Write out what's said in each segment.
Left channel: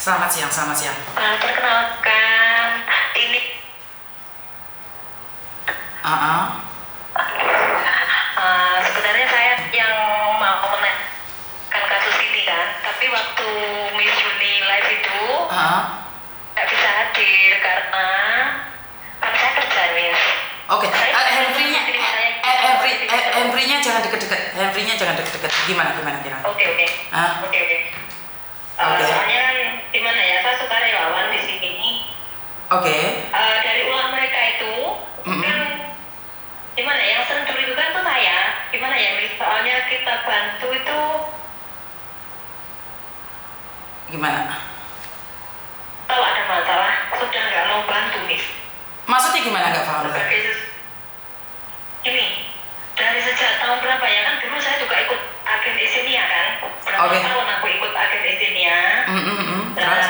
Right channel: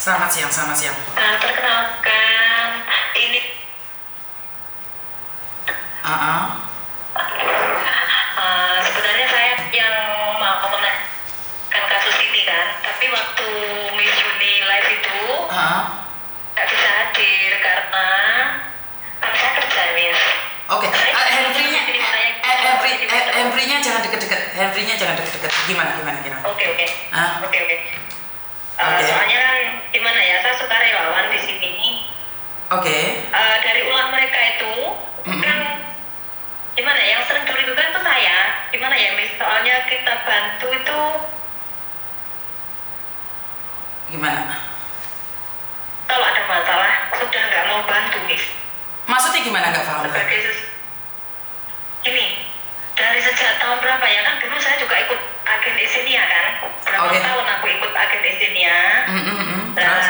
Selamat siang, selamat siang. Perkenalkan, ini Ah, sebenarnya saya yang mau menanyakan kasus ini kan, tapi waktu Miss Juni live itu nggak bisa hadir karena kan saya kerja Miss. Oke. Saya Henry-nya, Henry-nya jangan deket-deket. Henry-nya jangan deket-deket. Gimana? Oke. Oke. Soalnya kan gimana ya, saya sukarelawan di sini. Oke. Dari ulah mereka itu kan gimana ya, yang sering dirugikan itu saya. Gimana ya Miss, soalnya kita bantu itu Gimana? kalau ada masalah sudah nggak mau bantu Miss. Maksudnya gimana? Nggak paham. Ini dari sejak tahun berapa ya, kan dulu saya juga ikut agen Isinia kan, berapa tahun aku ikut agen Isinia. Terus?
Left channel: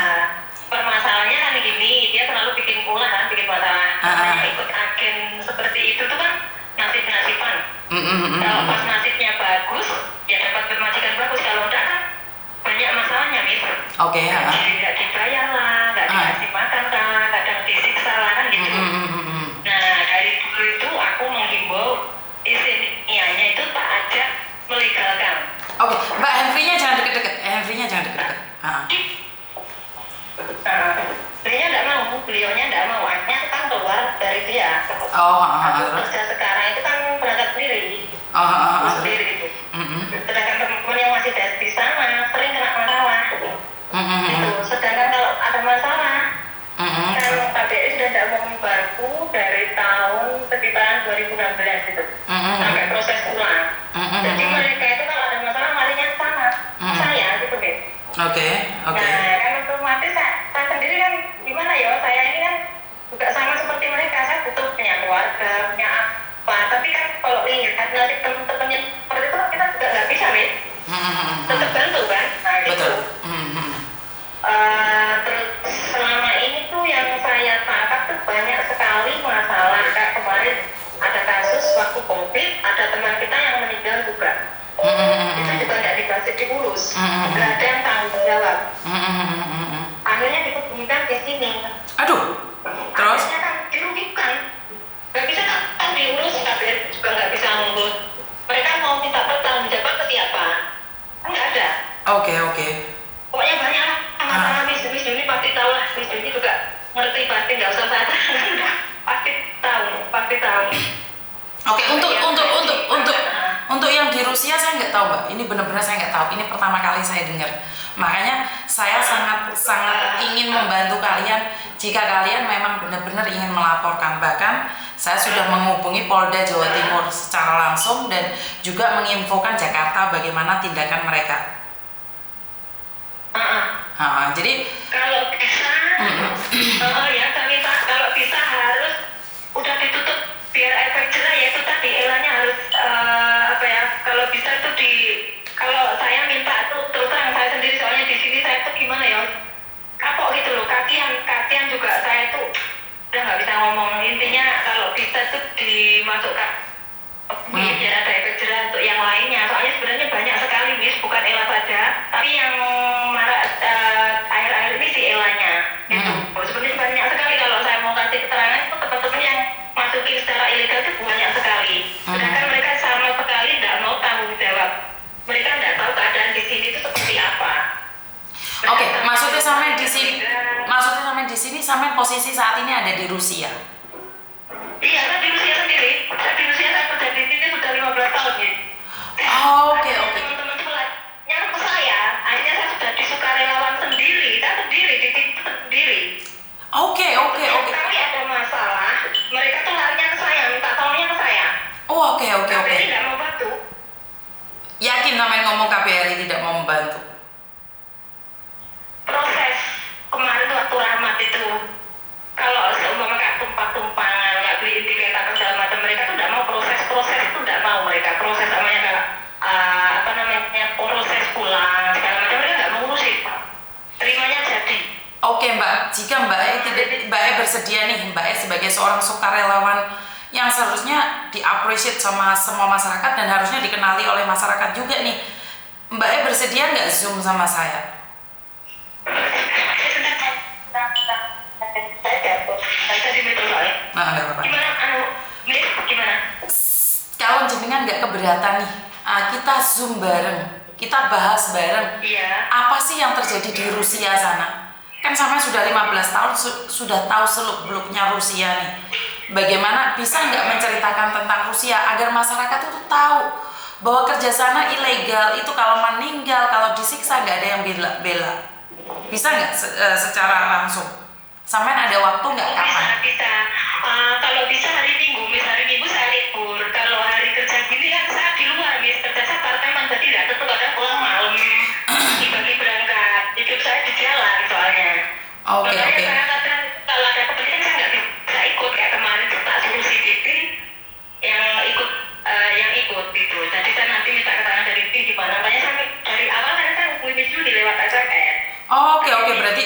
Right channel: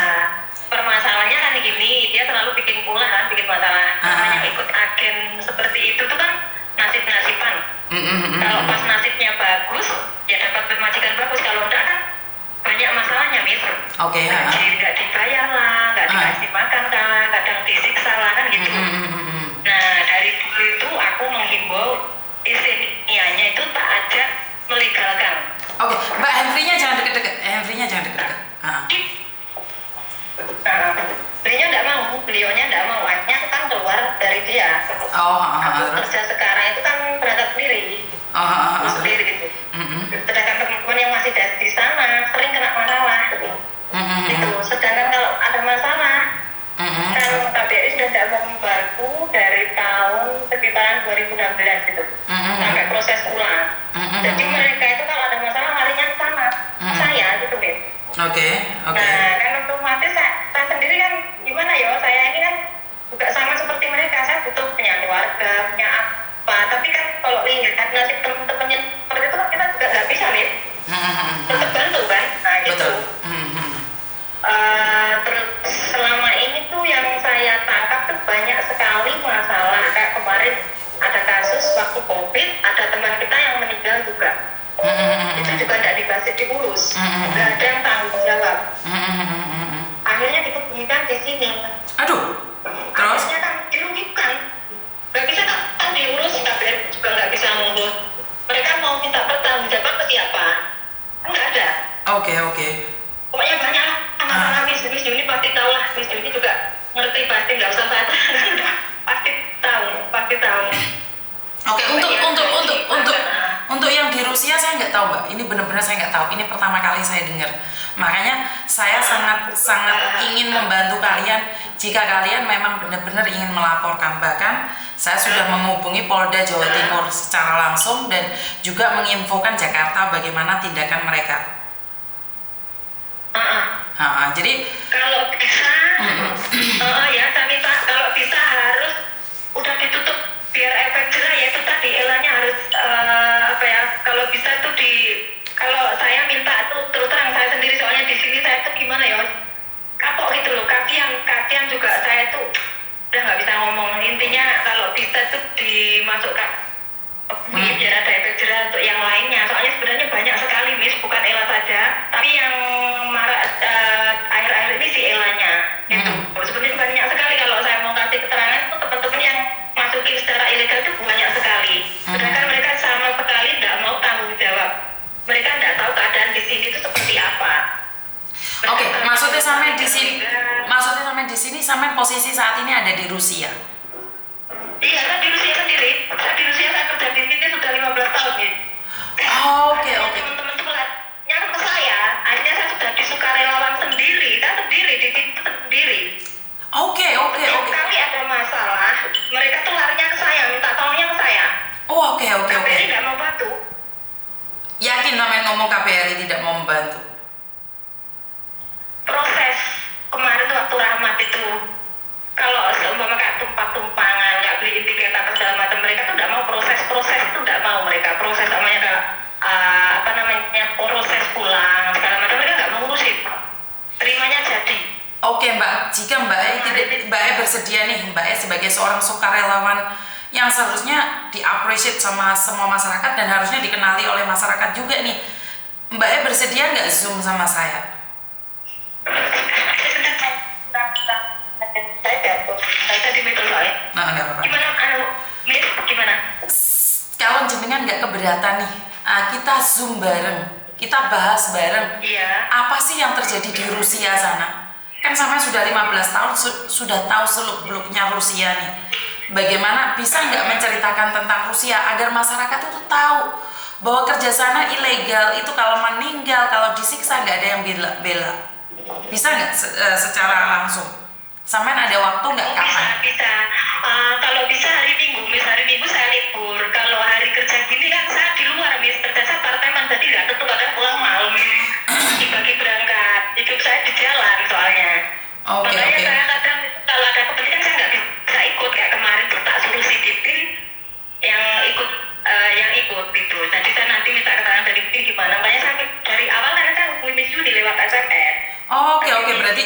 Permasalahannya kan gini, dia terlalu bikin pula kan, bikin masalah. Namanya ikut agen seperti itu tuh kan nasib-nasiban. Kalau pas nasibnya bagus, ya dapat majikan bagus. Kalau enggak kan banyak masalahnya Miss. Oke. Nggak dibayar lah, nggak dikasih makan lah, kadang disiksa lah kan gitu. Nah dari dulu itu aku menghimbau Isinianya itu tak ajak melegalkan. Oke, Mbak Henry-nya jangan deket-deket. Beliaunya nggak mau, akhirnya aku kan keluar dari dia. Aku kerja sekarang itu kan berangkat sendiri, sendiri gitu. Sedangkan teman-teman yang masih di sana sering kena masalah. Gitu. Sedangkan kalau ada masalah, kan KBRI sudah tidak mau membantu dari tahun sekitaran 2016 gitu, sampai proses ulang. Jadi mereka itu kalau ada masalah larinya ke sana, saya gitu deh. Oke. Nah kan otomatis saya sendiri kan gimana ya, saya ini kan juga sama seperti mereka, saya butuh punya keluarga, punya apa, tapi kan kalau lihat nasib teman-temannya seperti itu kita juga nggak bisa nih tetap bantu kan. Nah gitu. Betul. Terus selama ini tuh yang saya tangkap tuh banyak sekali masalah. Kayak kemarin ada kasus waktu COVID, ada teman kita yang meninggal juga. Itu juga nggak dikasih diurus, nggak ada yang tanggung jawab. Akhirnya dikebumikan di sini. Aduh. Terus? Akhirnya kan dirugikan. Nggak bisa kan diurus, KBRI juga nggak bisa ngurus. Mereka mau minta pertanggung jawab ke siapa? Nggak ada. Oke. Pokoknya banyak lah masalah. Miss Juni pasti tahu lah. Miss Juni juga ngerti pasti, nggak usah saya tanya. pasti tahu. Oke, untuk yang di Rusia saya nggak tahu Mbak. Ini benar-benar saya nggak tahu. Ini pertama kali saya dengar. Makanya saya sangat ingin membantu kalian jika kalian memang benar-benar ingin melaporkan. Bahkan saya sudah menghubungi Polda Jawa Timur secara langsung dan juga menginfokan Jakarta bagaimana tindakan mereka. Jadi kalau bisa, ya saya minta kalau bisa harus udah ditutup biar efek jerah, ya itu tadi elanya harus kalau bisa itu kalau saya minta tuh terus terang saya sendiri, soalnya di sini saya tuh gimana ya, kapok gitu loh, kasihan juga saya tuh udah nggak bisa ngomong. Intinya kalau bisa tuh dimasukkan biar ada efek jerah untuk yang lainnya, soalnya sebenarnya banyak sekali Miss, bukan Ella saja, tapi yang marah akhir-akhir ini si Elanya gitu. Sebenarnya banyak sekali, kalau saya mau kasih keterangan itu teman-teman yang masukin secara ilegal itu banyak sekali. Sedangkan mereka sama sekali tidak mau tanggung jawab. Mereka tidak tahu keadaan di sini itu seperti apa. Oke, maksudnya sampai di sini sampai posisi saat ini ada di Rusia. Iya, saya di Rusia sendiri. Saya kerja di sini sudah 15 tahun ya. Oke. Teman-teman tuh nyari ke saya. Akhirnya saya sudah di sukarelawan sendiri. Saya sendiri di situ sendiri. Oke. Kali ada masalah, mereka tuh larinya ke saya, minta tolongnya ke saya. Oke. KBRI nggak mau bantu. Yakin namanya ngomong KBRI tidak mau membantu? Proses kemarin tuh waktu Rahmat itu, kalau seumpama kayak tumpang-tumpangan, nggak beli tiket atau segala macam, mereka tuh nggak mau proses itu, nggak mau mereka proses namanya proses pulang segala macam, mereka nggak mau ngurusin, terimanya jadi. Oke Mbak, jika Mbak E bersedia nih, Mbak E sebagai seorang sukarelawan yang seharusnya di-appreciate sama semua masyarakat dan harusnya dikenali oleh masyarakat juga nih, Mbak E bersedia nggak Zoom sama saya? Nah, nggak apa-apa. Gimana Miss, gimana? Kalau jenengan nggak keberatan nih, kita Zoom bareng, kita bahas bareng. Iya. Apa sih yang terjadi di Rusia sana? Kan sampai sudah 15 tahun sudah tahu seluk-beluknya Rusia nih. Bagaimana bisa nggak menceritakan tentang Rusia agar masyarakat itu tahu bahwa kerja sana ilegal, itu kalau meninggal, kalau disiksa nggak ada yang bela. Bisa nggak secara langsung? Sampean ada waktu nggak kapan? Bisa. Kalau bisa hari Minggu saya libur. Kalau hari kerja gini kan saya di luar, Miss. Kerja saya part-time, jadi nggak tentu kadang pulang malam. Dibagi berangkat. Hidup saya di jalan soalnya. Oke. Saya kadang kalau ada kepentingan saya nggak bisa ikut. Kayak kemarin tak suruh si Titin yang ikut gitu. Jadi saya nanti minta keterangan dari Titin gimana. Makanya saya dari awal kan saya hubungi Miss Yuni lewat SMS. Oke, berarti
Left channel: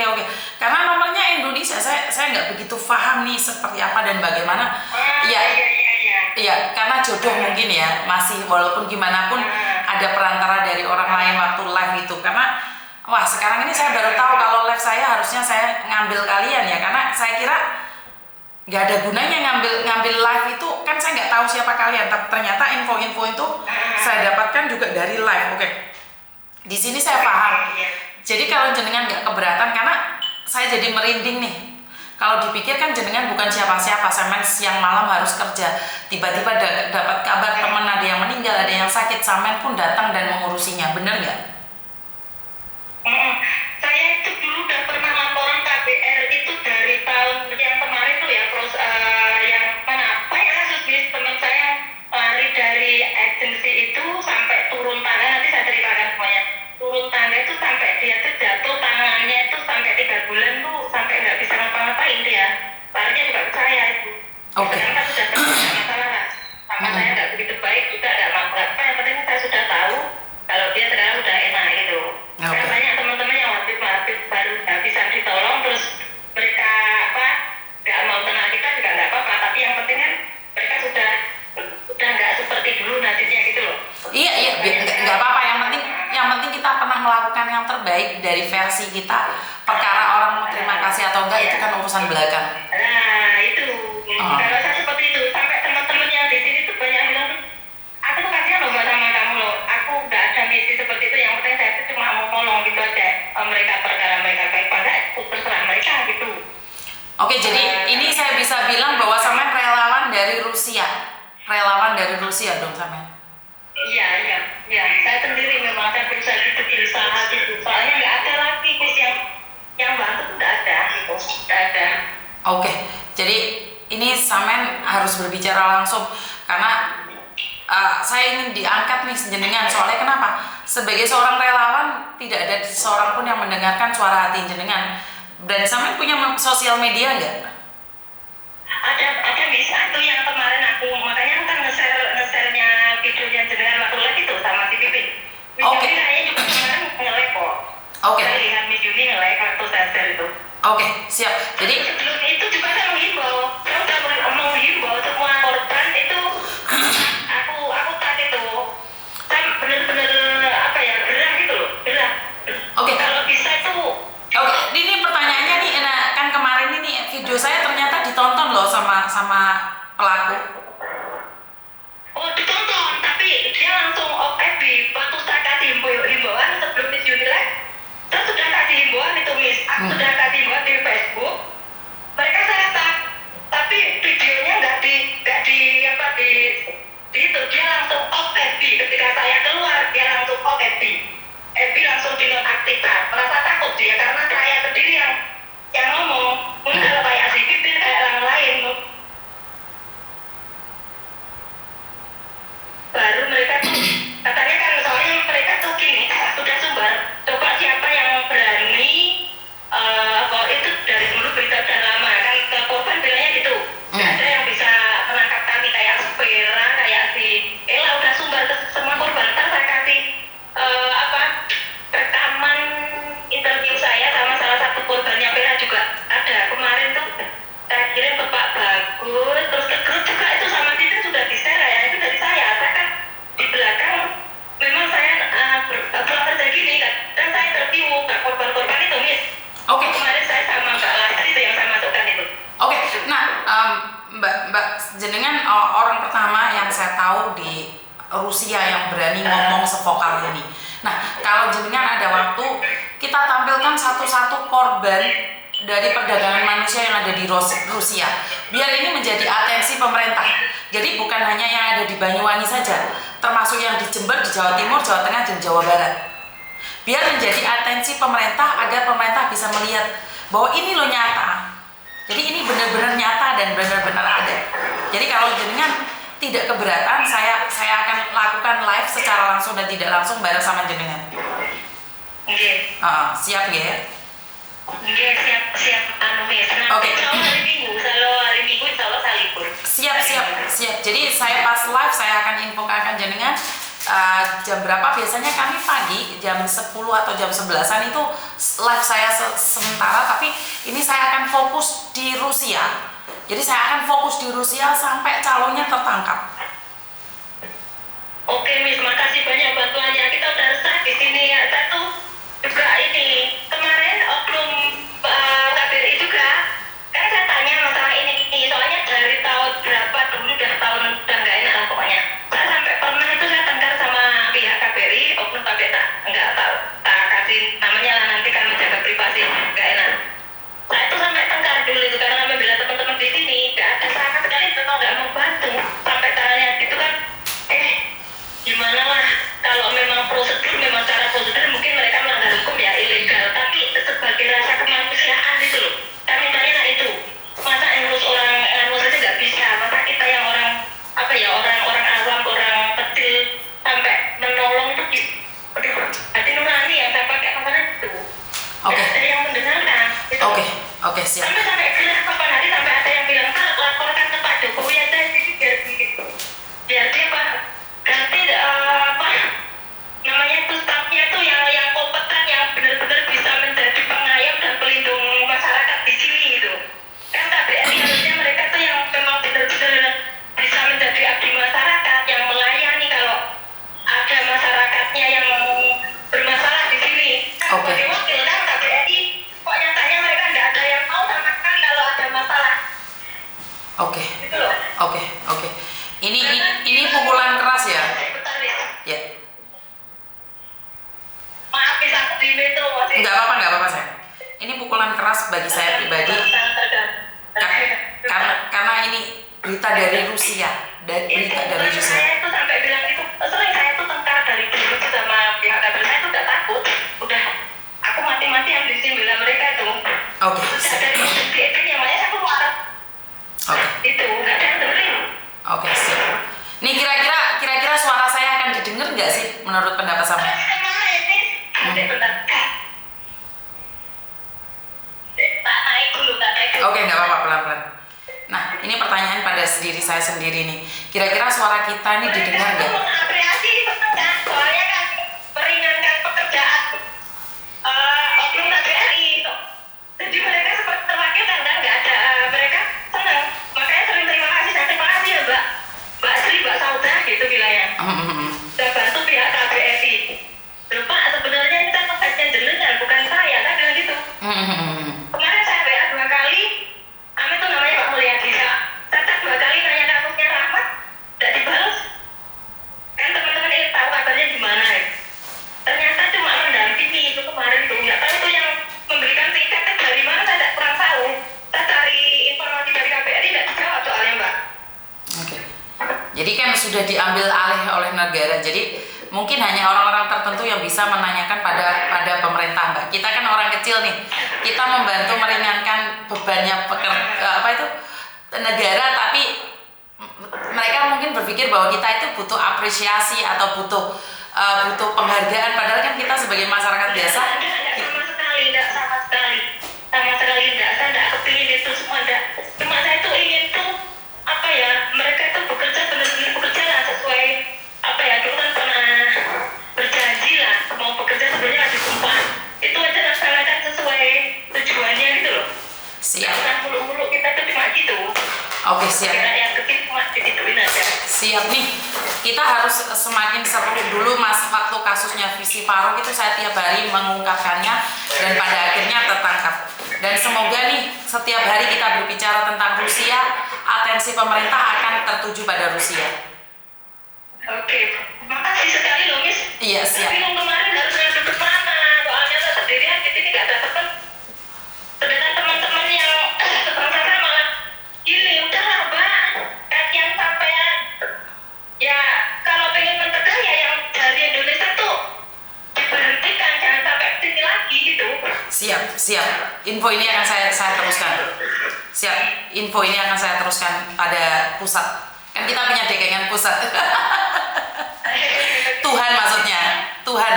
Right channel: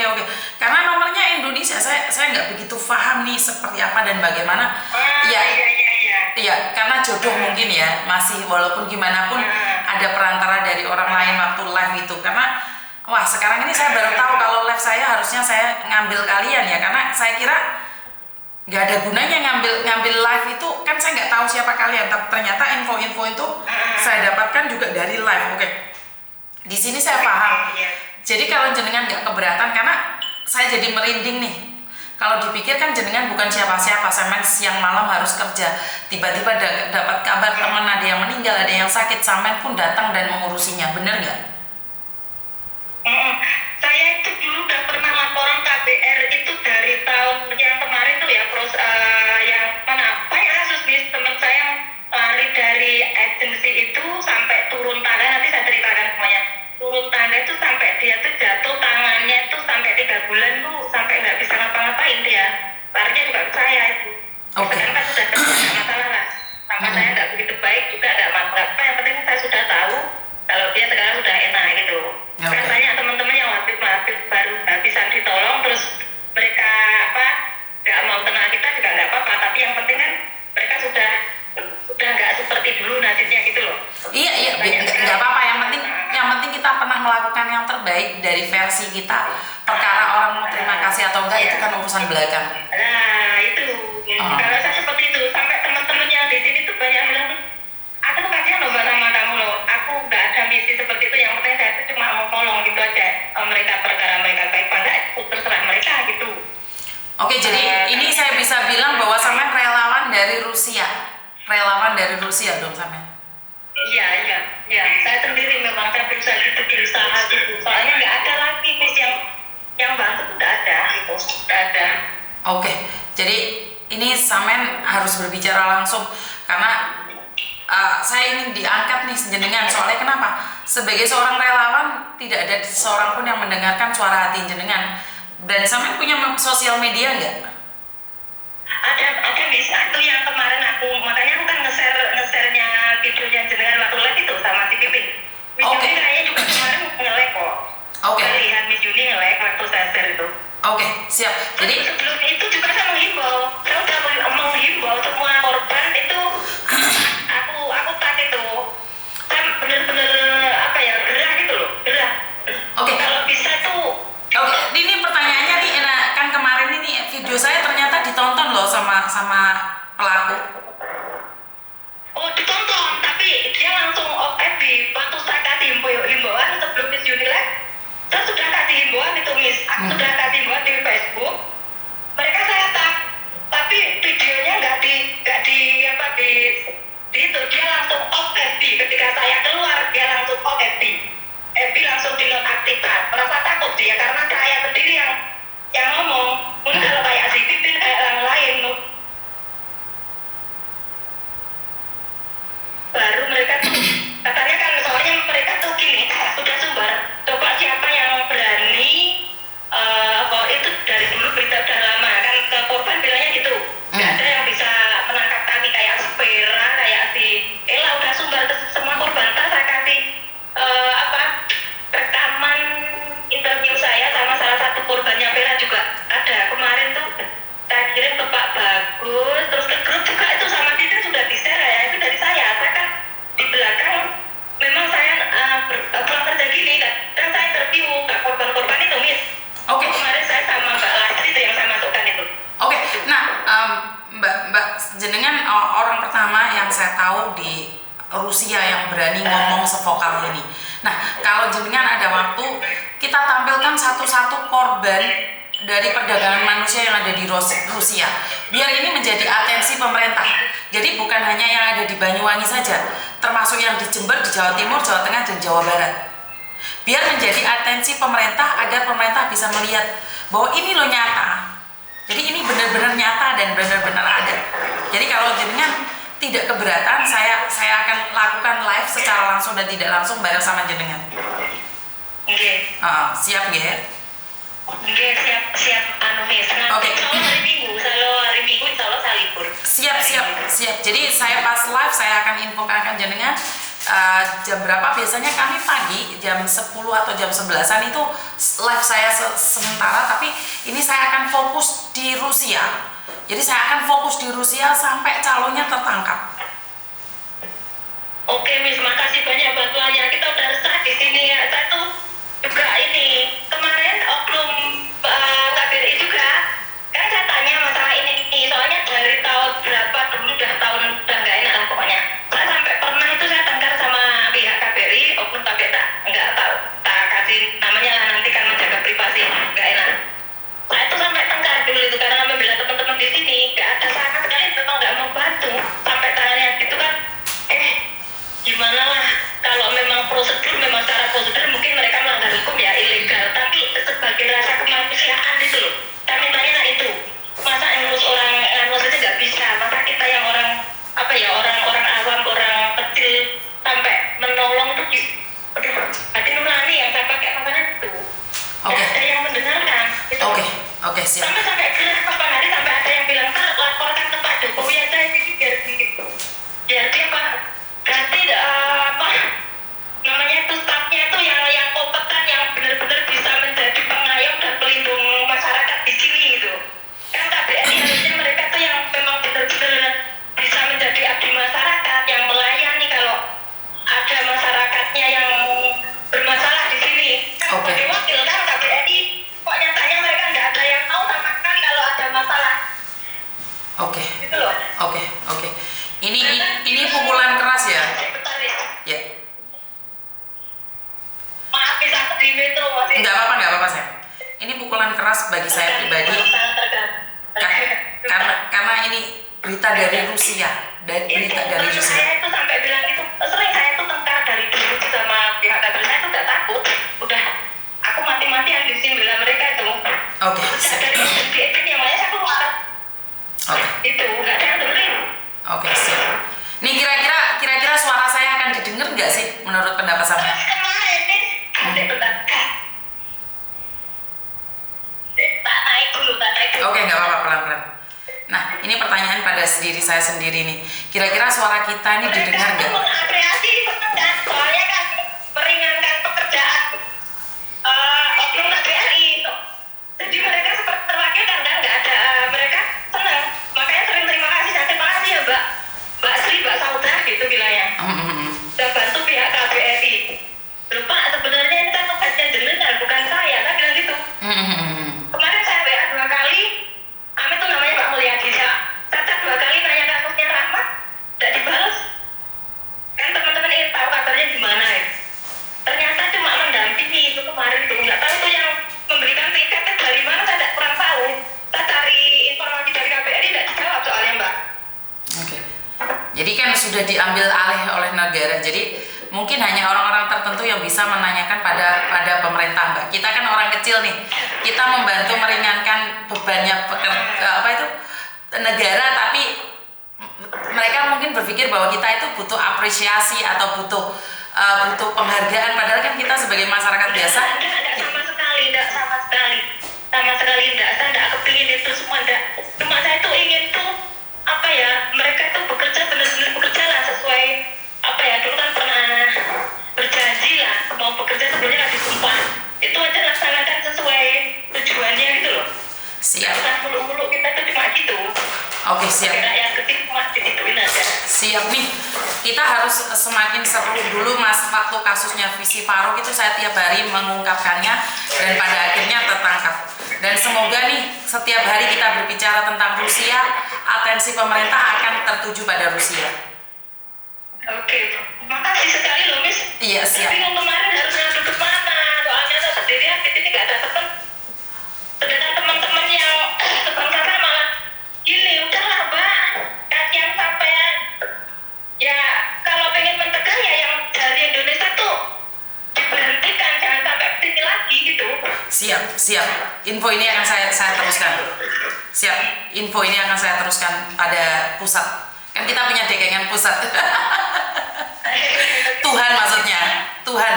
oke. Karena nomornya Indonesia, saya nggak begitu paham nih seperti apa dan bagaimana. Iya, karena jodoh mungkin ya, masih walaupun gimana pun ada perantara dari orang lain waktu live itu. Karena wah, sekarang ini saya baru tahu kalau live saya harusnya saya ngambil kalian ya, karena saya kira nggak ada gunanya ngambil live itu, kan saya nggak tahu siapa kalian. Tapi ternyata info-info itu saya dapatkan juga dari live. Oke. Di sini saya paham. Jadi kalau jenengan nggak keberatan, karena saya jadi merinding nih. Kalau dipikir kan jenengan bukan siapa-siapa, sampean siang malam harus kerja. Tiba-tiba dapat kabar teman ada yang meninggal, ada yang sakit, sampean pun datang dan mengurusinya, bener nggak? Saya itu dulu udah pernah laporan KBR itu dari tahun yang kemarin tuh ya, yang mana banyak kasus bis teman saya lari dari agensi itu sampai turun tangga, nanti saya ceritakan semuanya. Turun tangga itu sampai dia tuh jatuh, tangannya itu sampai 3 bulan tuh sampai nggak bisa ngapa-ngapain dia. Larinya juga ke saya itu. Sekarang kan sudah terjadi masalah lah. Sama saya nggak begitu baik juga, nggak apa-apa. Yang penting saya sudah tahu kalau dia sekarang sudah enak gitu. Karena banyak teman-teman yang waktu baru bisa ditolong, terus mereka nggak mau kenal kita juga nggak apa-apa. Tapi yang penting kan mereka sudah nggak seperti dulu nasibnya gitu loh. Iya, nggak apa-apa. Yang penting kita pernah melakukan yang terbaik dari versi kita. Perkara orang mau terima kasih atau enggak itu kan urusan belakang. Nah itu, kalau saya seperti itu, sampai teman-teman yang di sini tuh banyak bilang, aku tuh kasihan loh mbak sama kamu loh. Aku nggak ada misi seperti itu. Yang penting saya tuh cuma mau tolong gitu aja. Mereka perkara mereka baik pada terserah mereka gitu. Oke, jadi ini saya bisa bilang bahwa sampean relawan dari Rusia. Relawan dari Rusia dong sampean. Iya. Saya sendiri memang saya berusaha gitu. Soalnya nggak ada lagi bis yang bantu, nggak ada gitu, nggak ada. Oke, jadi ini sampean harus berbicara langsung karena saya ingin diangkat nih jenengan. Soalnya kenapa? Sebagai seorang relawan tidak ada seorang pun yang mendengarkan suara hati jenengan. Dan sampean punya sosial media nggak? Ada bisa tuh yang kemarin makanya aku kan nge-share-nya videonya jenengan waktu live itu sama si Pipin. Miss Juni kayaknya juga kemarin nge-like kok. Saya lihat Miss Juni nge-like waktu saya share itu. Oke, siap. Jadi sebelum itu juga saya udah menghimbau semua korban itu. aku tak itu. Saya bener-bener gerah gitu loh, gerah. Oke. Kalau bisa tuh. Oke, ini pertanyaannya nih, kan kemarin ini video saya ternyata ditonton loh sama pelaku. Oh ditonton, tapi dia langsung off FB. Waktu saya kasih himbauan sebelum Miss Yuni live, saya sudah kasih himbauan itu Miss. Aku sudah kasih himbauan di Facebook. Mereka saya tapi videonya nggak di orang pertama yang saya tahu di Rusia yang berani ngomong sevokal ini. Nah, kalau jenengan ada waktu, kita tampilkan satu-satu korban dari perdagangan manusia yang ada di Rusia. Biar ini menjadi atensi pemerintah. Jadi bukan hanya yang ada di Banyuwangi saja, termasuk yang di Jember, di Jawa Timur, Jawa Tengah, dan Jawa Barat. Biar menjadi atensi pemerintah agar pemerintah bisa melihat bahwa ini loh nyata. Jadi ini benar-benar nyata dan benar-benar ada. Jadi kalau jenengan tidak keberatan, saya akan lakukan live secara langsung dan tidak langsung bareng sama jenengan. Siap nggih? Nggih, siap anu Miss. Oke. Kalau hari Minggu insya Allah saya libur. Siap. Jadi saya pas live saya akan infokan jenengan jam berapa. Biasanya kami pagi jam 10 atau jam 11-an itu live saya sementara, tapi ini saya akan fokus di Rusia. Jadi saya akan fokus di Rusia sampai calonnya tertangkap. Oke Miss, makasih banyak bantuannya. Kita udah resah di sini ya. Saya tuh juga ini kemarin oknum KBRI juga. Kan saya tanya masalah ini. Soalnya dari tahun berapa dulu udah nggak enak lah pokoknya. Saya sampai pernah itu saya tengkar sama pihak KBRI, oknum KBRI nggak tahu. Tak kasih namanya lah nanti kan menjaga privasi nggak enak. Saya tuh sampai tengkar dulu itu karena membela teman-teman di sini nggak ada sama sekali memang nggak mau bantu sampai tanya gitu kan. Gimana lah kalau memang memang secara prosedur mungkin mereka melanggar hukum ya ilegal, tapi sebagai rasa kemanusiaan itu loh kami tanya itu masa ngurus orang ngurus itu nggak bisa, masa kita yang orang orang awam orang kecil sampai menolong tuh aduh hati nurani yang saya pakai makanya itu ada yang mendengarkan gitu. Oke, siap. Sampai bilang kapan hari sampai ada yang bilang kan laporkan ke Pak Jokowi aja ini biar dia Pak ganti namanya itu stafnya tuh yang kompeten yang benar-benar bisa menjadi pengayom dan pelindung masyarakat di sini gitu. Kan KBRI harusnya mereka tuh yang memang benar-benar bisa menjadi abdi masyarakat yang melayani kalau ada masyarakatnya yang bermasalah di sini. Kan sebagai wakil kan KBRI kok nyatanya mereka nggak ada yang tahu sama sekali kalau ada masalah. Gitu loh. Oke. Ini pukulan keras ya. Ya. Maaf bisa di metro masih. Enggak apa-apa saya. Ini pukulan keras bagi saya pribadi. Karena ini berita dari Rusia, Saya itu sampai bilang itu sering saya tuh tengkar dari dulu sama pihak KBRI. Saya tuh udah takut, udah aku mati-matian di sini bela mereka itu. Oke. Dari ini yang lain saya keluar. Itu nggak ada yang dengerin. Oke, siap. Nih kira-kira suara saya akan didengar nggak sih menurut pendapat sampean? Kemarin nih, ada bentar. Tak naik dulu. Oke, nggak apa-apa, pelan-pelan. Nah, ini pertanyaan pada diri saya sendiri nih. Kira-kira suara kita ini didengar nggak? Mengapresiasi pekerjaan, soalnya kan meringankan pekerjaan oknum KBRI. Jadi mereka seperti terwakilkan kan, nggak ada mereka senang. Makanya sering terima kasih ya Mbak Sri, Mbak Sauda gitu bilangnya. Sudah bantu pihak KBRI. Lupa sebenarnya ini kan tugasnya jenengan bukan saya, saya bilang gitu. Kemarin saya WA 2 kali, Amin tuh namanya Pak Mulyadi. Saya 2 kali nanya kasusnya Rahmat, tidak dibalas. Kan teman-teman ingin tahu kabarnya gimana ya. Ternyata cuma mendampingi itu kemarin tuh, nggak tahu tuh yang memberikan tiket dari mana saya tidak kurang tahu. Saya cari informasi dari KBRI tidak dijawab soalnya Mbak. Oke. Jadi kan sudah diambil alih oleh negara. Jadi mungkin hanya orang-orang tertentu yang bisa menanyakan pada pemerintah, Mbak. Kita kan orang kecil nih. Kita membantu meringankan bebannya negara, tapi mereka mungkin berpikir bahwa kita itu butuh apresiasi atau butuh penghargaan, padahal kan kita sebagai masyarakat biasa sama sekali tidak, saya tidak kepingin itu semua, tidak. Cuma saya tuh ingin tuh mereka itu bekerja benar-benar bekerja lah sesuai dulu kan pernah berjanji lah mau bekerja sebenarnya harus disumpah, itu aja laksanakan sesuai tujuannya gitu loh. Siap. Bukan muluk-muluk kita tuh cuma gitu. Oke, siap. Yang kecil masih dituin aja. Siap nih. Kita harus semakin seru dulu Mas. Waktu kasusnya Visi Faruk itu saya tiap hari mengungkapkannya dan pada akhirnya tertangkap. Dan semoga nih setiap hari kita berbicara tentang Rusia, atensi pemerintah akan tertuju pada Rusia. Oke, makasih sekali loh Miss. Iya, siap. Tapi yang kemarin harusnya duduk mana? Soalnya saya sendirian di sini nggak ada teman. Sedangkan teman-teman yang sebangsa saya malah gini, udahlah Mbak, kasihan sampean. Ya kalau pengen mencegah ya yang dari Indonesia tuh diberhentikan, jangan sampai kesini lagi gitu. Siap. Info ini akan saya teruskan. Siap. Info ini akan saya teruskan pada pusat. Kan kita punya dekengan pusat. Tuhan maksudnya. Tuhan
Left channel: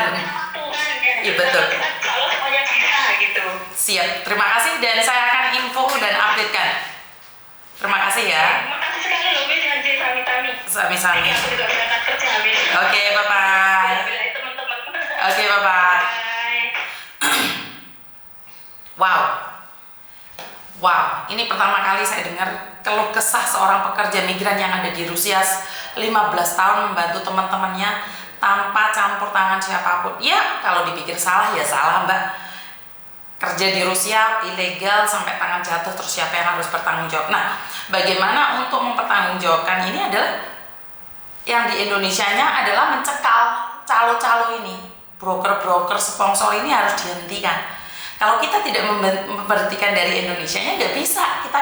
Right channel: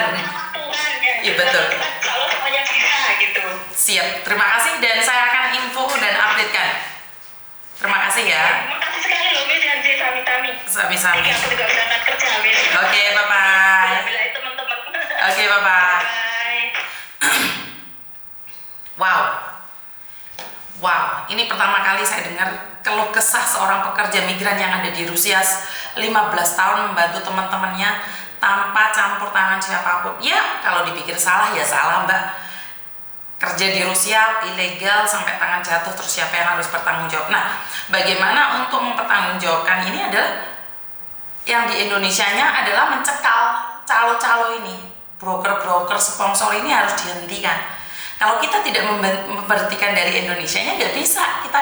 Ya. Iya betul. Kalau semuanya bisa gitu. Siap. Terima kasih dan saya akan info dan updatekan. Terima kasih ya. Terima kasih sekali loh Miss Hanji Sami-Tami. Sami-sami. Aku juga berangkat kerja Miss. Oke, bye-bye. Bila teman-teman. Oke, bye-bye. Bye. Wow, ini pertama kali saya dengar keluh kesah seorang pekerja migran yang ada di Rusia 15 tahun membantu teman-temannya tanpa campur tangan siapapun. Ya, kalau dipikir salah ya salah Mbak. Kerja di Rusia ilegal sampai tangan jatuh, terus siapa yang harus bertanggung jawab? Nah, bagaimana untuk mempertanggungjawabkan ini adalah yang di Indonesianya adalah mencekal calo-calo ini. Broker-broker sponsor ini harus dihentikan. Kalau kita tidak memberhentikan dari Indonesianya nggak bisa, kita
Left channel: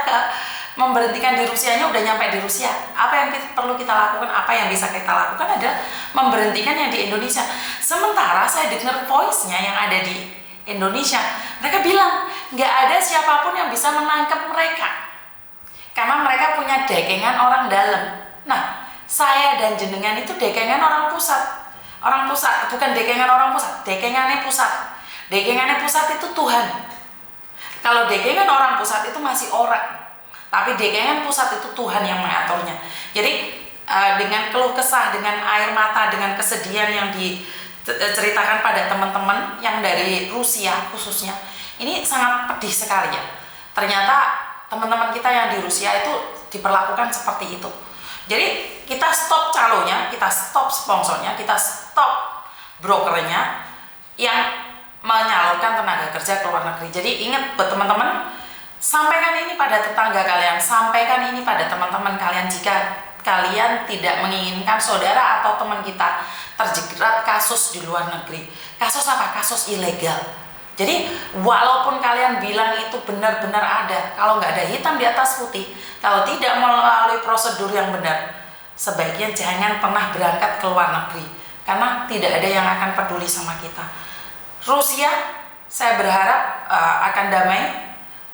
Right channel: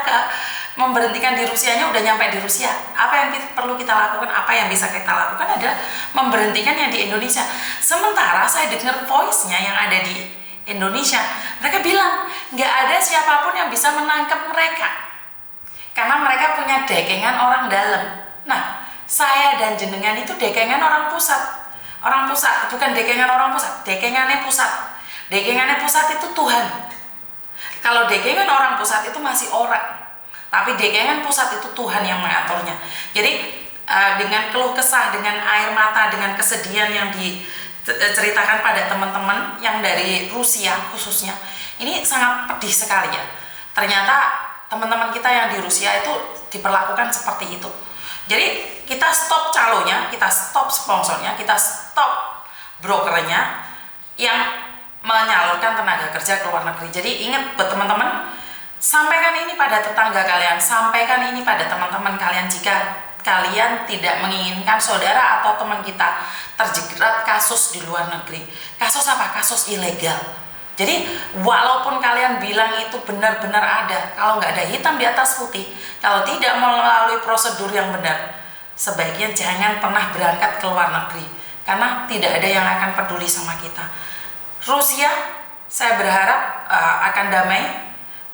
memberhentikan di Rusianya udah nyampe di Rusia. Apa yang perlu kita lakukan, apa yang bisa kita lakukan adalah memberhentikan yang di Indonesia. Sementara saya dengar voice-nya yang ada di Indonesia, mereka bilang nggak ada siapapun yang bisa menangkap mereka karena mereka punya dekengan orang dalam. Nah, saya dan jenengan itu dekengan orang pusat bukan dekengan orang pusat, dekengannya pusat. Dekengannya pusat itu Tuhan. Kalau dekengan orang pusat itu masih orang, tapi dekengan pusat itu Tuhan yang mengaturnya. Jadi dengan keluh kesah, dengan air mata, dengan kesedihan yang diceritakan pada teman-teman yang dari Rusia khususnya, ini sangat pedih sekali ya. Ternyata teman-teman kita yang di Rusia itu diperlakukan seperti itu. Jadi kita stop calonya, kita stop sponsornya, kita stop brokernya yang menyalurkan tenaga kerja ke luar negeri. Jadi ingat buat teman-teman, sampaikan ini pada tetangga kalian, sampaikan ini pada teman-teman kalian jika kalian tidak menginginkan saudara atau teman kita terjerat kasus di luar negeri. Kasus apa? Kasus ilegal. Jadi walaupun kalian bilang itu benar-benar ada, kalau nggak ada hitam di atas putih, kalau tidak melalui prosedur yang benar, sebaiknya jangan pernah berangkat ke luar negeri karena tidak ada yang akan peduli sama kita. Rusia, saya berharap akan damai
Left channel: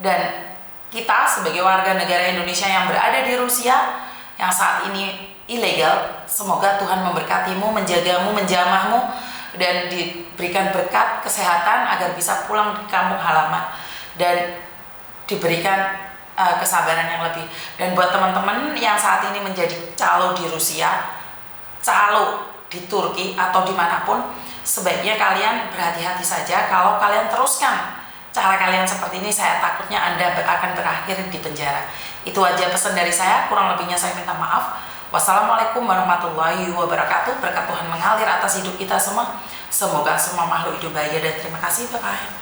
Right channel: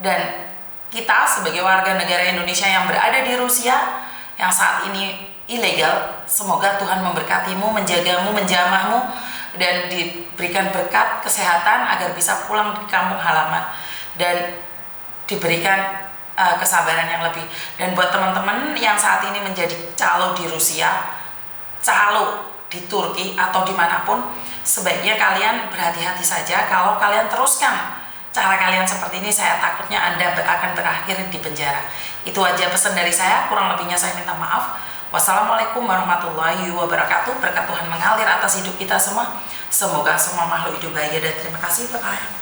dan kita sebagai warga negara Indonesia yang berada di Rusia yang saat ini ilegal, semoga Tuhan memberkatimu, menjagamu, menjamahmu dan diberikan berkat kesehatan agar bisa pulang di kampung halaman dan diberikan kesabaran yang lebih. Dan buat teman-teman yang saat ini menjadi calo di Rusia, calo di Turki atau dimanapun, sebaiknya kalian berhati-hati saja. Kalau kalian teruskan cara kalian seperti ini, saya takutnya Anda akan berakhir di penjara. Itu aja pesan dari saya, kurang lebihnya saya minta maaf. Wassalamualaikum warahmatullahi wabarakatuh. Berkat Tuhan mengalir atas hidup kita semua. Semoga semua makhluk hidup bahagia dan terima kasih. Bye-bye.